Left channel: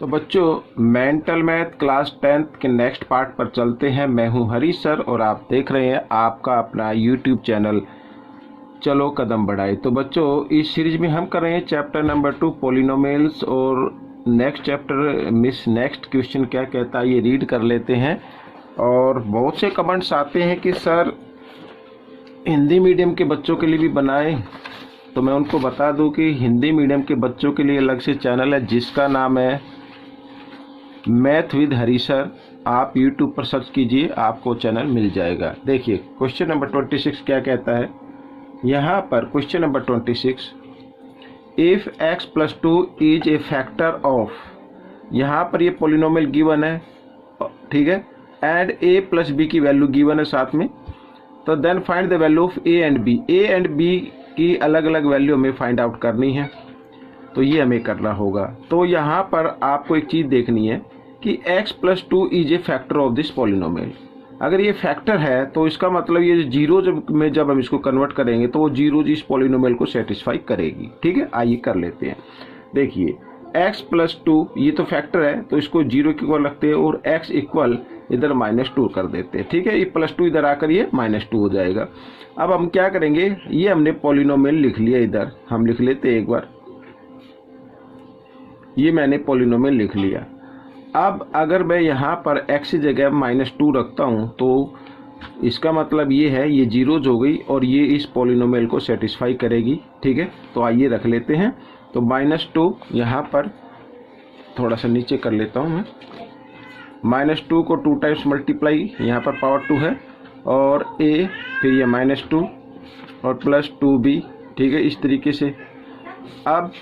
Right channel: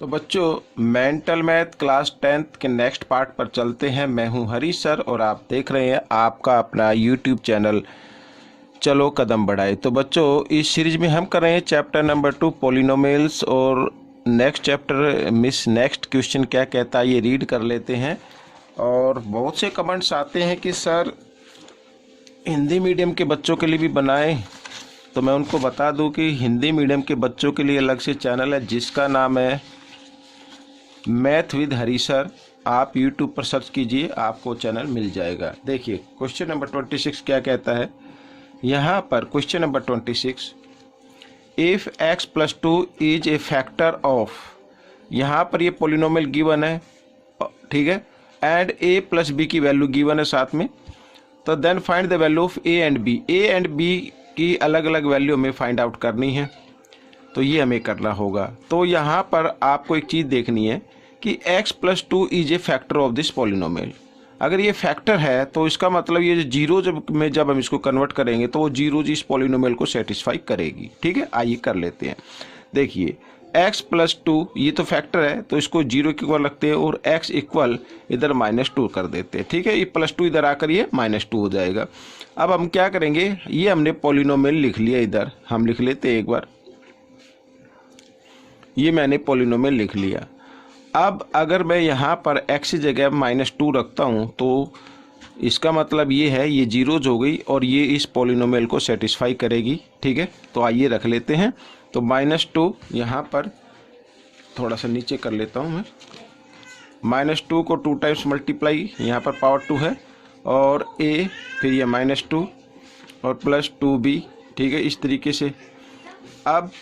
तो बच्चों mental math class 10th के नेक्स्ट पार्ट पर चलते हैं। मैं हूं हरीश सर और आप देख रहे हैं आपका अपना यूट्यूब चैनल चलो कदम बढ़ाए। तो बच्चों इस सीरीज में हम कर रहे हैं चैप्टर नंबर 2 पॉलिनोमियल्स और नेक्स्ट चैप्टर नेक्स्ट क्वेश्चन क्या कहता है ये रीड कर लेते हैं। और बहुत से कमेंट्स आते हैं कि सर हिंदी मीडियम के बच्चों के लिए भी बनाएं, तो मैं उनको बता दूं कि हिंदी मीडियम के बच्चों के लिए अलग से चैनल है जिसका नाम है मैथ विद हरीश सर। आप यूट्यूब पर सर्च कीजिए, आपको चैनल मिल जाएगा। देखिए क्वेश्चन नंबर 26 क्या कहता है यहाँ पर। Question number 26, if x + 2 is a factor of, यहाँ पर ये पोलिनोमियल गिवन है, ठीक है, एंड a + b की वैल्यू गिवन है साथ में, तो then find the value of a and b। a and b की अलग अलग वैल्यू हमें फाइंड आउट करनी है, तो ये हमें करना होगा। तो यहाँ पर आपको एक चीज़ देखनी है कि x + 2 is a factor of this polynomial. अगर ये फैक्टर है तो इसका मतलब ये जीरो जब हम इसको कन्वर्ट करेंगे तो वो जीरो इस पॉलिनोमियल को सेटिस्फाई करेगी। ठीक है, आइए कर लेते हैं। देखिए x + 2 ये तो फैक्टर है तो इसको जीरो के इक्वल रखते हैं और x इक्वल इधर -2 कर देते हैं। ठीक है, ये +2 इधर आकर ये -2 हो जाएगा। अब हम क्या करेंगे, ये हमने पॉलिनोमियल लिख लिया, इधर हम लिख लेते हैं एक बार, ये मैंने पॉलिनोमियल लिख लिया। अब अगर मैं यहाँ पर x की जगह -2 रखता हूँ तो इसका मतलब ये है ये जीरोज हो गई और ये इस पॉलिनोमियल को सेटिस्फाई करेगी। ठीक है, तो आइए रख लेते हैं। तो -2 यहाँ पर थोड़ा सा नीचे कर लेता हूँ मैं, -2 को 2 टाइम्स मल्टीप्लाई, यहाँ पर पावर 2 है, और a फिर ये -2 और +2b। ठीक है, इस तरीके से। अब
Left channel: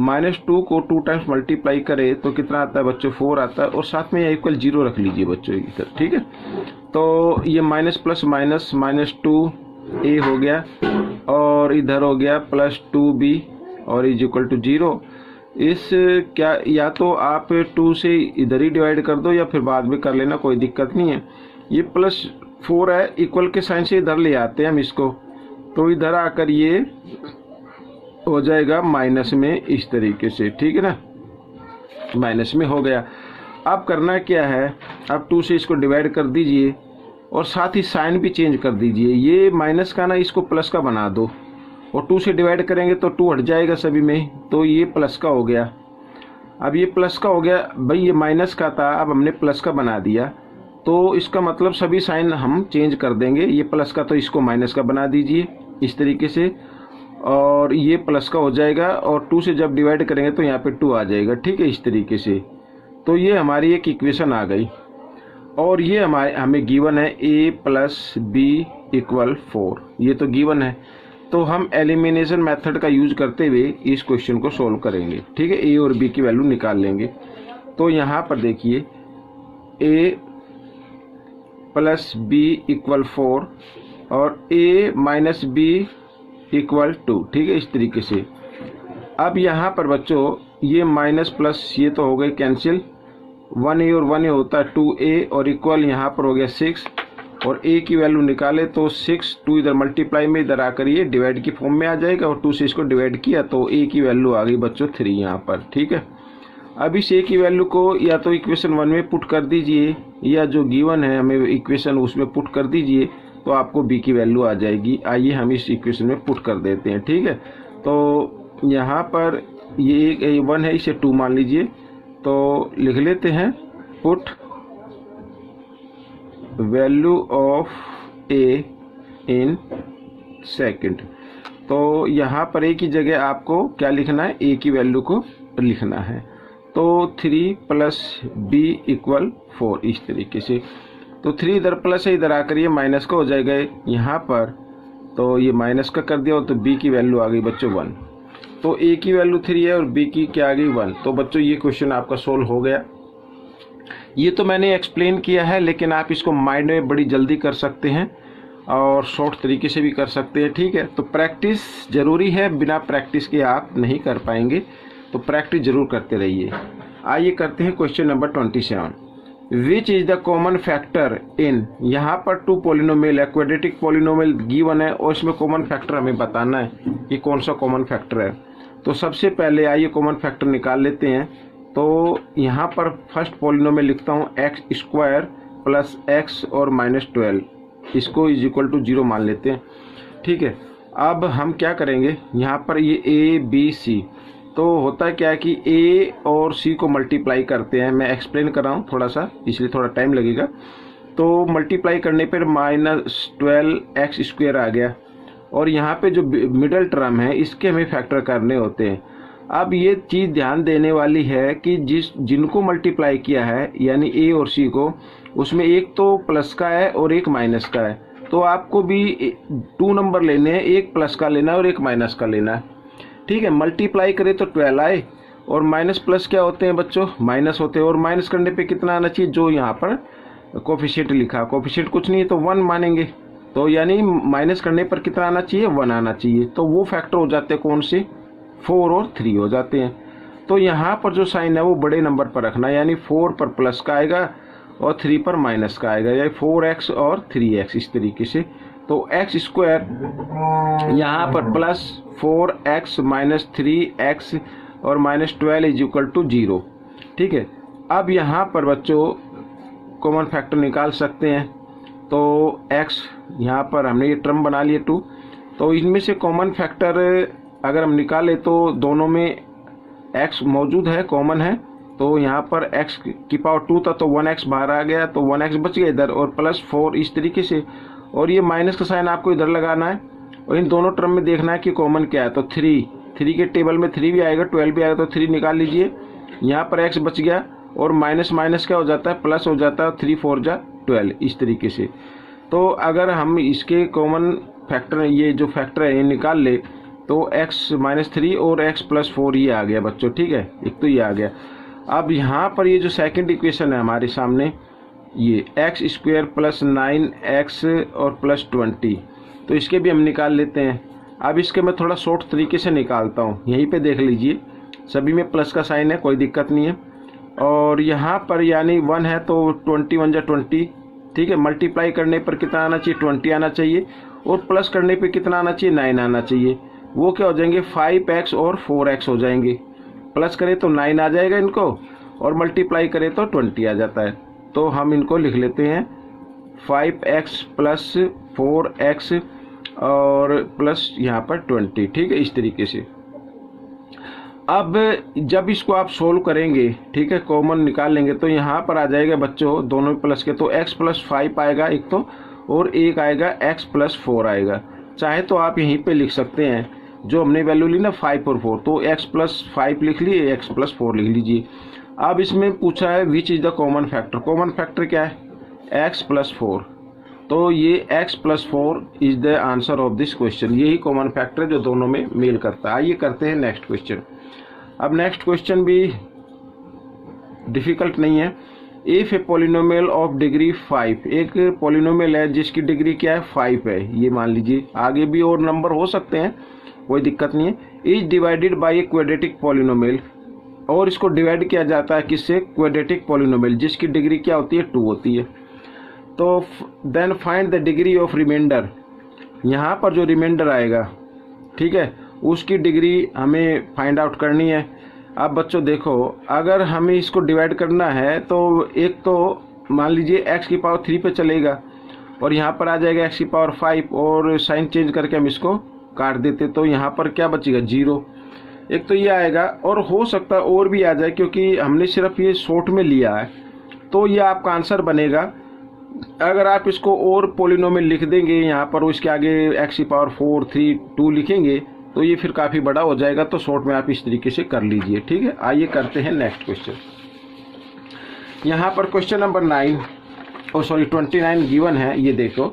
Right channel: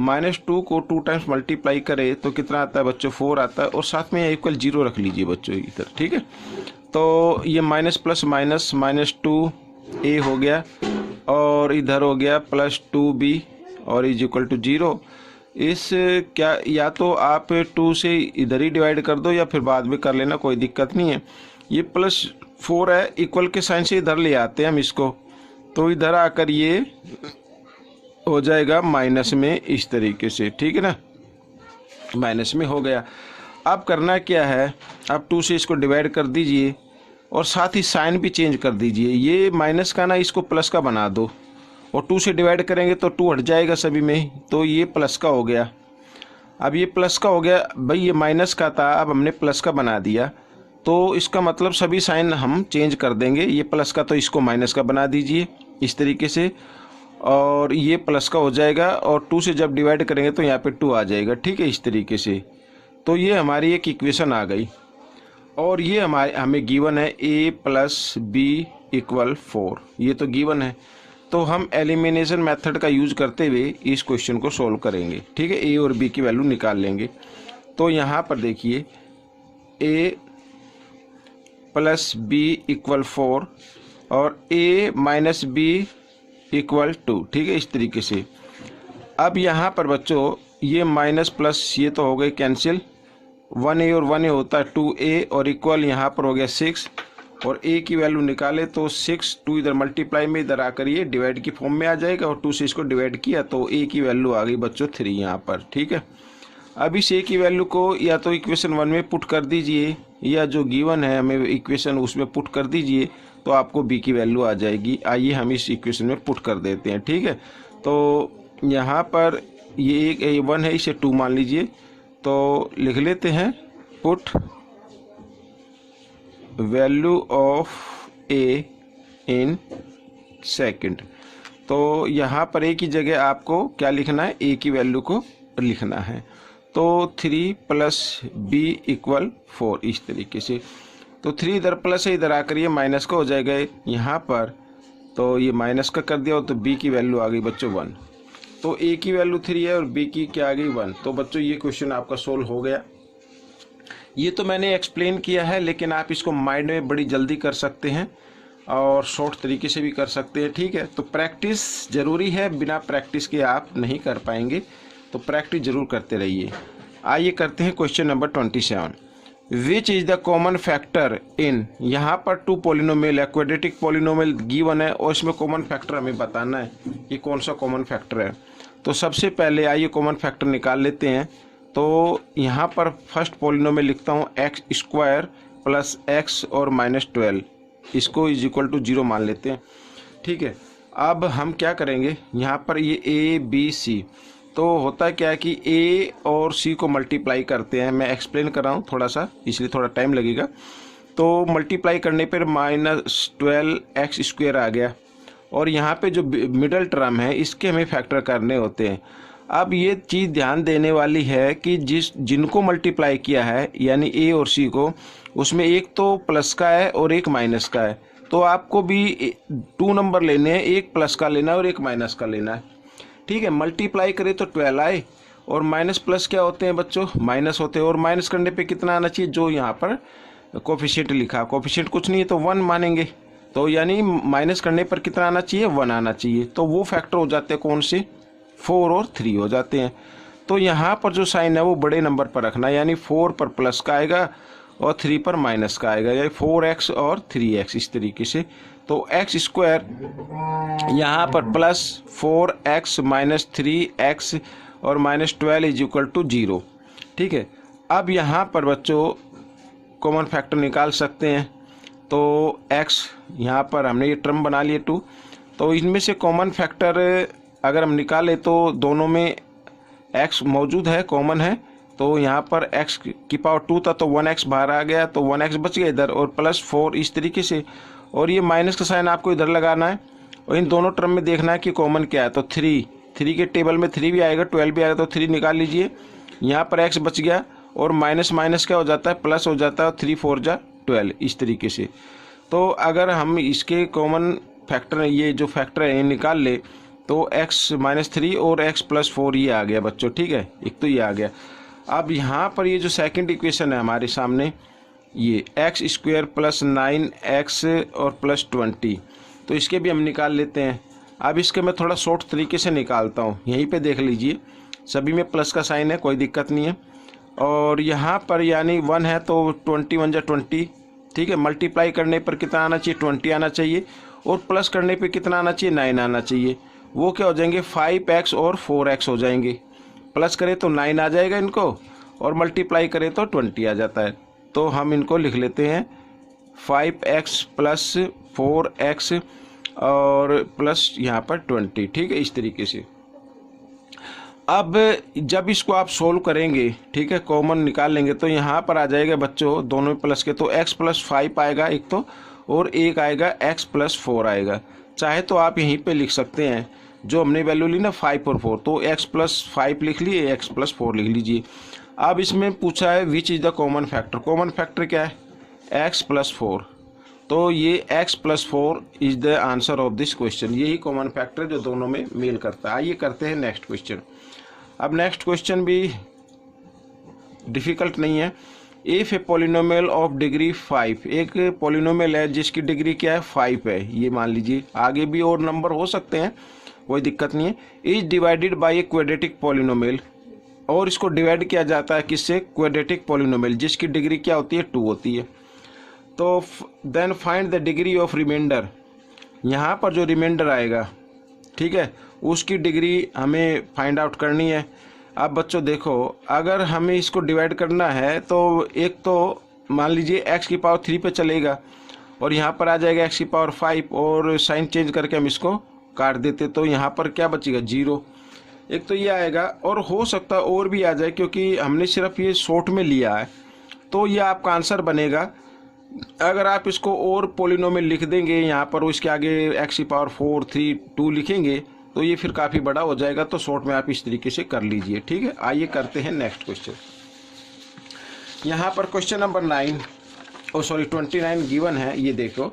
-2 को 2 टाइम्स मल्टीप्लाई करें तो कितना आता है बच्चों, 4 आता है, और साथ में इक्वल 0 रख लीजिए बच्चों इधर। ठीक है, तो ये माइनस प्लस माइनस -2a हो गया और इधर हो गया +2b और इज इक्वल टू 0। इस क्या या तो आप 2 से इधर ही डिवाइड कर दो या फिर बाद में कर लेना, कोई दिक्कत नहीं है। ये +4 है, इक्वल के साइन से इधर ले आते हैं हम इसको, तो इधर आकर ये हो जाएगा माइनस में इस तरीके से। ठीक है ना, माइनस में हो गया। अब करना क्या है, अब 2 से इसको डिवाइड कर दीजिए और साथ ही साइन भी चेंज कर दीजिए। ये माइनस का ना इसको प्लस का बना दो, और 2 से डिवाइड करेंगे तो 2 हट जाएगा सभी में, तो ये प्लस का हो गया। अब ये प्लस का हो गया भाई, ये माइनस का था, अब हमने प्लस का बना दिया, तो इसका मतलब सभी साइन हम चेंज कर देंगे। ये प्लस का तो इसको माइनस का बना दीजिए इस तरीके से, और ये प्लस का हो जाएगा, और 2 से जब डिवाइड करेंगे तो यहाँ पे 2 आ जाएगा। ठीक है, इस तरीके से। तो ये हमारी एक इक्वेशन आ गई, और ये हमें गिवन है a + b = 4, ये तो गिवन है। तो हम एलिमिनेशन मेथड का यूज करते हुए इस क्वेश्चन को सोल्व करेंगे। ठीक है, a और b की वैल्यू निकाल लेंगे। तो यहाँ पर देखिए a + b = 4 और a - b = 2। ठीक है, इस तरीके से। अब यहाँ पर बच्चों ये माइनस प्लस ये तो हो गए कैंसिल, 1a और 1a होता है 2a, और इक्वल यहाँ पर हो गया 6, और a की वैल्यू निकाले तो 6, 2 इधर मल्टीप्लाई में इधर आकर ये डिवाइड की फॉर्म में आ जाएगा, और 2 से इसको डिवाइड किया तो a की वैल्यू आ गई बच्चों 3 यहाँ पर। ठीक है, अब इस a की वैल्यू को या तो इक्वेशन 1 में पुट कर दीजिए, या जो गिवन है हमें इक्वेशन उसमें पुट कर दीजिए, तो आपको b की वैल्यू आ जाएगी। आइए हम इस इक्वेशन में पुट कर देते हैं। ठीक है, तो यहाँ पर ये एक a1 है, इसे 2 मान लीजिए, तो लिख लेते हैं put value of a in second. तो यहाँ पर a की जगह आपको क्या लिखना है, a की वैल्यू को लिखना है। तो 3 + b = 4 इस तरीके से। तो 3 इधर प्लस है, इधर आकर ये माइनस का हो जाएगा यहाँ पर, तो ये माइनस का कर दिया, तो b की वैल्यू आ गई बच्चों 1। तो a की वैल्यू 3 है और b की क्या आ गई 1। तो बच्चों ये क्वेश्चन आपका सोल्व हो गया। ये तो मैंने एक्सप्लेन किया है, लेकिन आप इसको माइंड में बड़ी जल्दी कर सकते हैं और शॉर्ट तरीके से भी कर सकते हैं। ठीक है, तो प्रैक्टिस ज़रूरी है, बिना प्रैक्टिस के आप नहीं कर पाएंगे, तो प्रैक्टिस ज़रूर करते रहिए। आइए करते हैं question number 27, which is the common factor in. यहाँ पर 2 पॉलिनोमियल है, क्वाड्रेटिक पॉलिनोमियल गिवन है, और इसमें कॉमन फैक्टर हमें बताना है कि कौन सा कॉमन फैक्टर है। तो सबसे पहले आइए कॉमन फैक्टर निकाल लेते हैं। तो यहाँ पर फर्स्ट पॉलिनोमियल लिखता हूँ एक्स स्क्वायर प्लस एक्स और -12, इसको इज इक्वल टू 0 मान लेते हैं। ठीक है, अब हम क्या करेंगे, यहाँ पर ये ए बी सी, तो होता है क्या कि ए और सी को मल्टीप्लाई करते हैं। मैं एक्सप्लेन कर रहा हूँ थोड़ा सा, इसलिए थोड़ा टाइम लगेगा। तो मल्टीप्लाई करने पर -12x² आ गया, और यहाँ पे जो मिडल टर्म है इसके हमें फैक्टर करने होते हैं। अब ये चीज़ ध्यान देने वाली है कि जिनको मल्टीप्लाई किया है यानी ए और सी को, उसमें एक तो प्लस का है और एक माइनस का है, तो आपको भी 2 नंबर लेने हैं, एक प्लस का लेना है और एक माइनस का लेना है। ठीक है, मल्टीप्लाई करें तो 12 आए, और माइनस प्लस क्या होते हैं बच्चों, माइनस होते हैं, और माइनस करने पे कितना आना चाहिए, जो यहाँ पर कोफिशिएंट लिखा, कोफिशिएंट कुछ नहीं है तो 1 मानेंगे, तो यानी माइनस करने पर कितना आना चाहिए, 1 आना चाहिए। तो वो फैक्टर हो जाते हैं कौन से, 4 और 3 हो जाते हैं। तो यहाँ पर जो साइन है वो बड़े नंबर पर रखना है, यानी 4 पर प्लस का आएगा और 3 पर माइनस का आएगा, यानी 4x और 3x इस तरीके से। तो एक्स स्क्वायर यहाँ पर प्लस 4x माइनस 3x और -12 इज इक्वल टू 0। ठीक है, अब यहाँ पर बच्चों कॉमन फैक्टर निकाल सकते हैं। तो x यहाँ पर हमने ये टर्म बना लिए 2, तो इनमें से कॉमन फैक्टर अगर हम निकालें तो दोनों में x मौजूद है, कॉमन है, तो यहाँ पर x की पावर 2 था तो 1x बाहर आ गया, तो 1x बच गया इधर, और +4 इस तरीके से, और ये माइनस का साइन आपको इधर लगाना है, और इन दोनों टर्म में देखना है कि कॉमन क्या है। तो 3 के टेबल में 3 भी आएगा, 12 भी आएगा, तो 3 निकाल लीजिए। यहाँ पर x बच गया, और माइनस माइनस क्या हो जाता है, प्लस हो जाता है, 3 4 जा 12 इस तरीके से। तो अगर हम इसके कॉमन फैक्टर, ये जो फैक्टर है ये निकाल ले, तो x -3 और x +4 ये आ गया बच्चों। ठीक है, एक तो ये आ गया। अब यहाँ पर ये जो सेकंड इक्वेशन है हमारे सामने, ये x² + 9x और +20, तो इसके भी हम निकाल लेते हैं। अब इसके मैं थोड़ा शॉर्ट तरीके से निकालता हूँ, यहीं पे देख लीजिए, सभी में प्लस का साइन है, कोई दिक्कत नहीं है। और यहाँ पर यानी 1 है तो 21 जा 20। ठीक है, मल्टीप्लाई करने पर कितना आना चाहिए, 20 आना चाहिए, और प्लस करने पे कितना आना चाहिए, 9 आना चाहिए। वो क्या हो जाएंगे, 5x और 4x हो जाएंगे। प्लस करें तो 9 आ जाएगा इनको, और मल्टीप्लाई करें तो 20 आ जाता है। तो हम इनको लिख लेते हैं 5x + 4x और प्लस यहाँ पर 20। ठीक है, इस तरीके से। अब जब इसको आप सोल्व करेंगे, ठीक है, कॉमन निकाल लेंगे, तो यहाँ पर आ जाएगा बच्चों दोनों प्लस के, तो x + 5 आएगा एक तो, और एक आएगा x + 4 आएगा। चाहे तो आप यहीं पे लिख सकते हैं, जो हमने वैल्यू ली ना 5 और 4, तो x + 5 लिख लिए, x + 4 लिख लीजिए। अब इसमें पूछा है which is the common factor, common factor क्या है, x + 4, तो ये x + 4 is the answer of this question. यही कॉमन फैक्टर जो दोनों में मेल करता है। आइए करते हैं नेक्स्ट क्वेश्चन। अब नेक्स्ट क्वेश्चन भी डिफ़िकल्ट नहीं है। If a polynomial of degree 5, एक पॉलिनोमियल है जिसकी डिग्री क्या है, 5 है, ये मान लीजिए, आगे भी और नंबर हो सकते हैं, कोई दिक्कत नहीं है। Is divided by a quadratic polynomial, और इसको डिवाइड किया जाता है किससे, क्वाड्रेटिक पॉलिनोमियल, जिसकी डिग्री क्या होती है, 2 होती है। तो then find the degree of remainder, यहाँ पर जो रिमाइंडर आएगा, ठीक है, उसकी डिग्री हमें फाइंड आउट करनी है। अब बच्चों देखो, अगर हमें इसको डिवाइड करना है तो एक तो मान लीजिए x की पावर 3 पे चलेगा, और यहाँ पर आ जाएगा x की पावर 5, और साइन चेंज करके हम इसको काट देते, तो यहाँ पर क्या बचेगा, 0। एक तो ये आएगा, और हो सकता है और भी आ जाए, क्योंकि हमने सिर्फ ये शॉर्ट में लिया है, तो ये आपका आंसर बनेगा। अगर आप इसको और पॉलिनोमियल लिख देंगे यहाँ पर, उसके आगे x की पावर 4 3 2 लिखेंगे, तो ये फिर काफ़ी बड़ा हो जाएगा। तो शॉर्ट में आप इस तरीके से कर लीजिए। ठीक है, आइए करते हैं नेक्स्ट क्वेश्चन। यहाँ पर क्वेश्चन नंबर 29 गिवन है। ये देखो,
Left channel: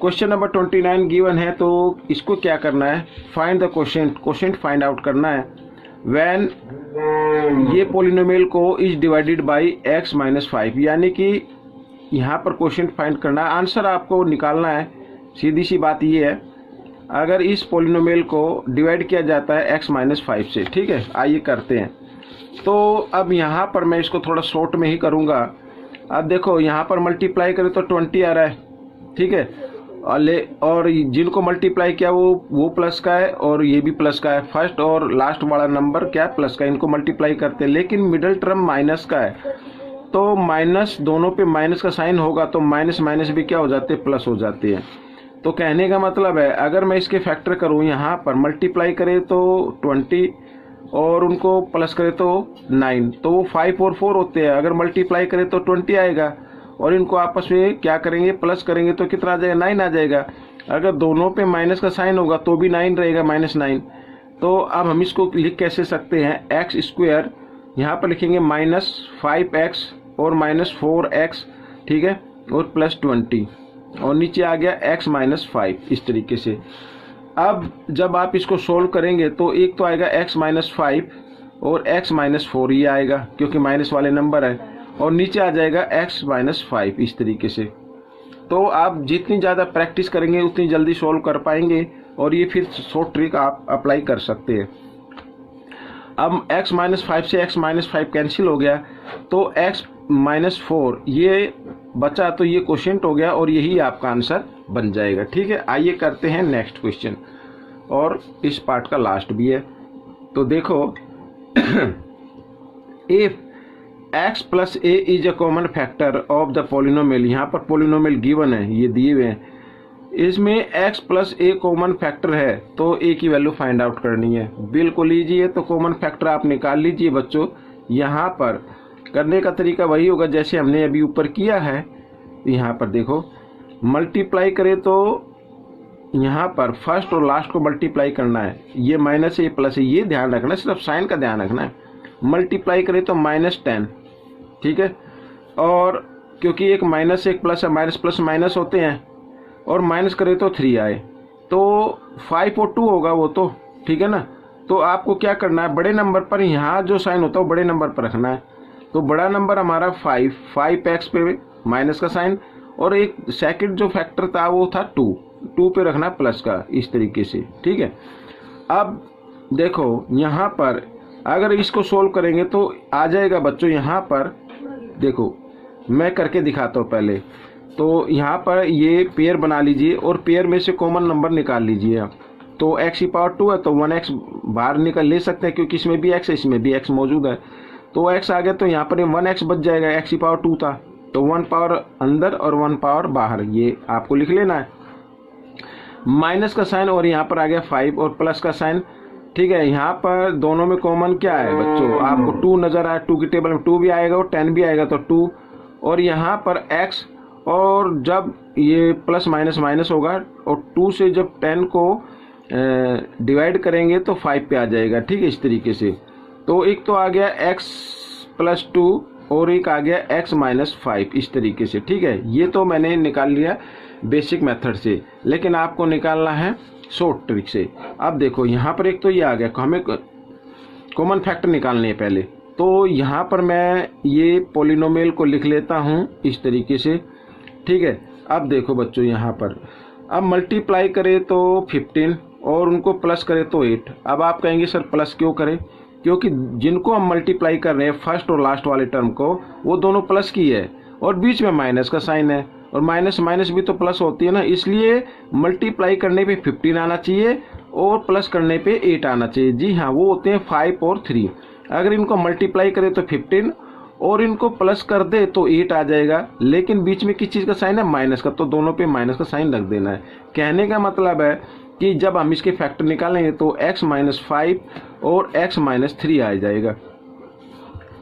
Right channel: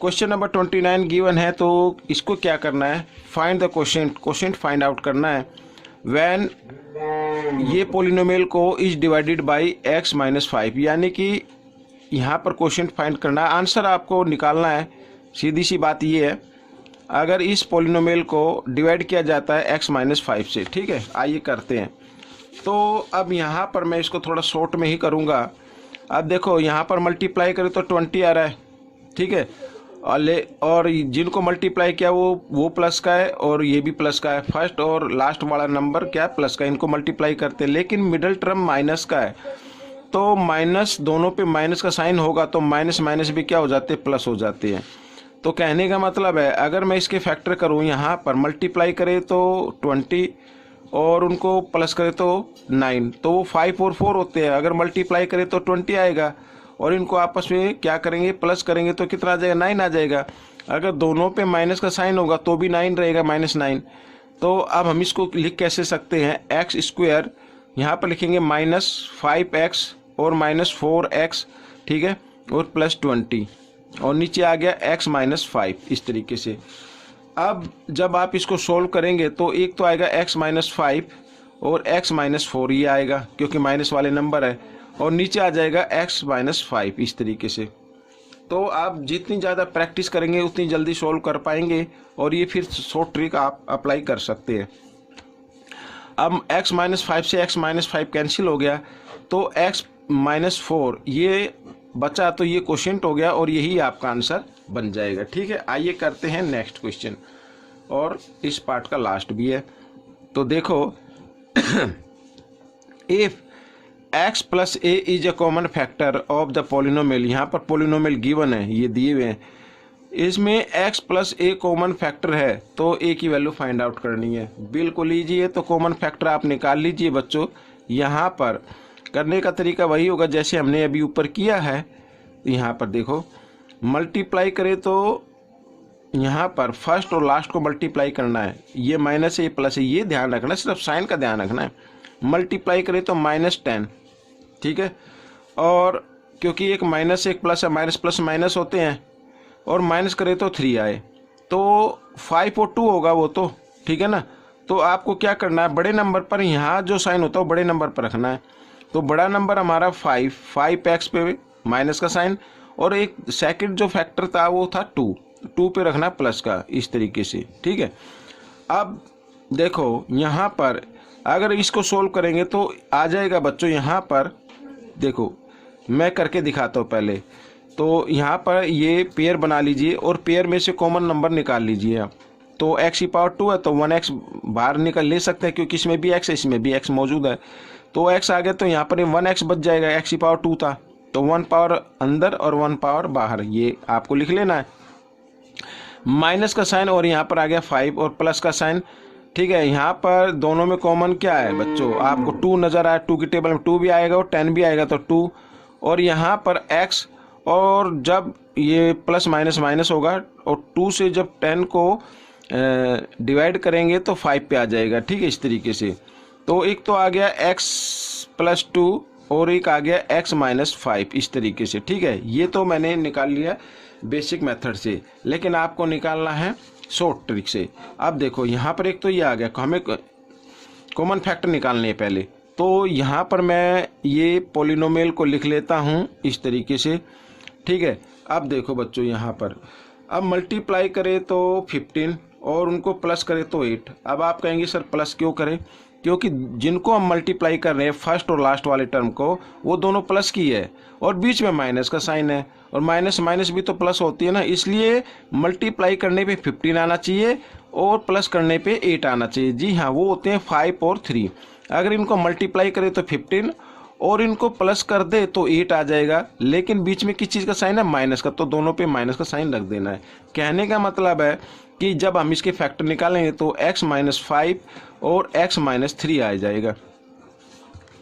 क्वेश्चन नंबर 29 गिवन है, तो इसको क्या करना है, find the quotient find out करना है व्हेन ये पॉलिनोमियल को इज डिवाइडेड बाय x - 5, यानी कि यहाँ पर क्वोशिएंट फाइंड करना है, आंसर आपको निकालना है। सीधी सी बात ये है, अगर इस पॉलिनोमियल को डिवाइड किया जाता है x - 5 से। ठीक है, आइए करते हैं। तो अब यहाँ पर मैं इसको थोड़ा शॉर्ट में ही करूँगा। अब देखो, यहाँ पर मल्टीप्लाई करें तो 20 आ रहा है, ठीक है, और जिनको मल्टीप्लाई किया वो प्लस का है और ये भी प्लस का है। फर्स्ट और लास्ट वाला नंबर क्या है, प्लस का, इनको मल्टीप्लाई करते हैं। लेकिन मिडिल टर्म माइनस का है, तो माइनस, दोनों पे माइनस का साइन होगा तो माइनस माइनस भी क्या हो जाते हैं, प्लस हो जाते हैं। तो कहने का मतलब है अगर मैं इसके फैक्टर करूँ, यहाँ पर मल्टीप्लाई करे तो 20 और उनको प्लस करे तो 9, तो वो 5 और 4 होते हैं। अगर मल्टीप्लाई करे तो 20 आएगा और इनको आपस में क्या करेंगे, प्लस करेंगे तो कितना आ जाएगा, 9 आ जाएगा। अगर दोनों पे माइनस का साइन होगा तो भी 9 रहेगा, -9। तो अब हम इसको लिख कैसे सकते हैं, एक्स स्क्वायर यहाँ पर लिखेंगे -5x और -4x, ठीक है, और +20 और नीचे आ गया x -5, इस तरीके से। अब जब आप इसको सोल्व करेंगे तो एक तो आएगा x -5 और x -4 ये आएगा क्योंकि माइनस वाले नंबर है, और नीचे आ जाएगा x -5 इस तरीके से। तो आप जितनी ज़्यादा प्रैक्टिस करेंगे उतनी जल्दी सोल्व कर पाएंगे और ये फिर शॉर्ट ट्रिक आप अप्लाई कर सकते हैं। अब x -5 से x -5 कैंसिल हो गया तो x -4 ये बचा, तो ये क्वोशिएंट हो गया और यही आपका आंसर बन जाएगा। ठीक है, आइए करते हैं नेक्स्ट क्वेश्चन, और इस पार्ट का लास्ट भी है। तो देखो if x + a is a common factor of the polynomial, यहाँ पर पॉलिनोमियल गिवन है, ये दिए हुए हैं, इसमें x + a कॉमन फैक्टर है तो a की वैल्यू फाइंड आउट करनी है। बिल्कुल ईजी है, तो कॉमन फैक्टर आप निकाल लीजिए बच्चों। यहाँ पर करने का तरीका वही होगा जैसे हमने अभी ऊपर किया है। यहाँ पर देखो मल्टीप्लाई करें तो यहाँ पर फर्स्ट और लास्ट को मल्टीप्लाई करना है, ये माइनस है ये प्लस है, ये ध्यान रखना है, सिर्फ साइन का ध्यान रखना है। मल्टीप्लाई करें तो -10, ठीक है, और क्योंकि एक माइनस एक प्लस है, माइनस प्लस माइनस होते हैं, और माइनस करें तो 3 आए, तो 5 और 2 होगा वो तो, ठीक है ना। तो आपको क्या करना है, बड़े नंबर पर यहाँ जो साइन होता है वो बड़े नंबर पर रखना है। तो बड़ा नंबर हमारा 5x पे माइनस का साइन, और एक सेकंड जो फैक्टर था वो था 2 पे रखना प्लस का, इस तरीके से, ठीक है। अब देखो यहाँ पर अगर इसको सोल्व करेंगे तो आ जाएगा बच्चों, यहाँ पर देखो मैं करके दिखाता हूँ पहले। तो यहाँ पर ये पेयर बना लीजिए और पेयर में से कॉमन नंबर निकाल लीजिए आप। तो x⁻2 है तो 1x बाहर निकल ले सकते हैं क्योंकि इसमें भी x है इसमें भी x मौजूद है, तो x आ गया, तो यहाँ पर 1x बच जाएगा, x⁻2 था तो 1 पावर अंदर और 1 पावर बाहर, ये आपको लिख लेना है। माइनस का साइन और यहाँ पर आ गया 5 और प्लस का साइन, ठीक है। यहाँ पर दोनों में कॉमन क्या है बच्चों, आपको 2 नज़र आए, 2 की टेबल में 2 भी आएगा और 10 भी आएगा तो 2, और यहाँ पर x, और जब ये प्लस माइनस माइनस होगा और 2 से जब 10 को डिवाइड करेंगे तो 5 पे आ जाएगा, ठीक है, इस तरीके से। तो एक तो आ गया x + 2 और एक आ गया x -5, इस तरीके से, ठीक है। ये तो मैंने निकाल लिया बेसिक मेथड से, लेकिन आपको निकालना है शॉर्ट ट्रिक से। अब देखो यहाँ पर एक तो ये आ गया, हमें कॉमन फैक्टर निकालने हैं पहले। तो यहाँ पर मैं ये पॉलिनोमियल को लिख लेता हूँ इस तरीके से, ठीक है। अब देखो बच्चों यहाँ पर अब मल्टीप्लाई करें तो 15 और उनको प्लस करें तो 8। अब आप कहेंगे सर प्लस क्यों करें, क्योंकि जिनको हम मल्टीप्लाई कर रहे हैं फर्स्ट और लास्ट वाले टर्म को, वो दोनों प्लस की है और बीच में माइनस का साइन है, और माइनस माइनस भी तो प्लस होती है ना, इसलिए मल्टीप्लाई करने पे 15 आना चाहिए और प्लस करने पे 8 आना चाहिए। जी हाँ, वो होते हैं 5 और 3। अगर इनको मल्टीप्लाई करें तो 15 और इनको प्लस कर दे तो 8 आ जाएगा, लेकिन बीच में किस चीज़ का साइन है, माइनस का, तो दोनों पे माइनस का साइन रख देना है। कहने का मतलब है कि जब हम इसके फैक्टर निकालेंगे तो x -5 और x -3 आ जाएगा,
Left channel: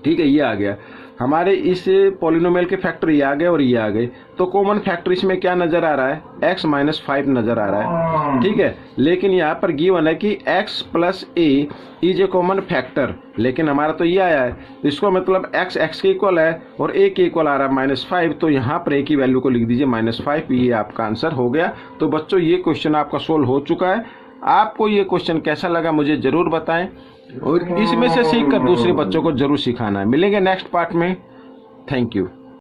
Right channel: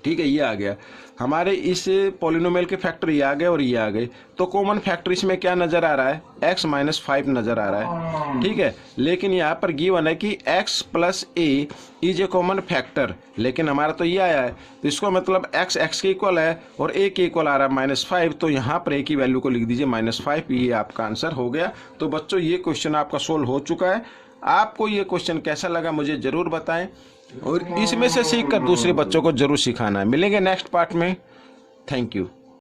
ठीक है। ये आ गया हमारे इस पॉलिनोमियल के फैक्टर, ये आ गए और ये आ गए। तो कॉमन फैक्टर इसमें क्या नज़र आ रहा है, x -5 नज़र आ रहा है, ठीक है। लेकिन यहाँ पर गिवन है कि x + a is a common factor, लेकिन हमारा तो ये आया है, तो इसको मतलब x के इक्वल है और a के इक्वल आ रहा है -5, तो यहाँ पर a की वैल्यू को लिख दीजिए -5, ये आपका आंसर हो गया। तो बच्चों ये क्वेश्चन आपका सोल्व हो चुका है। आपको ये क्वेश्चन कैसा लगा मुझे ज़रूर बताएं, और इसमें से सीखकर दूसरे बच्चों को जरूर सिखाना है। मिलेंगे नेक्स्ट पार्ट में। Thank you.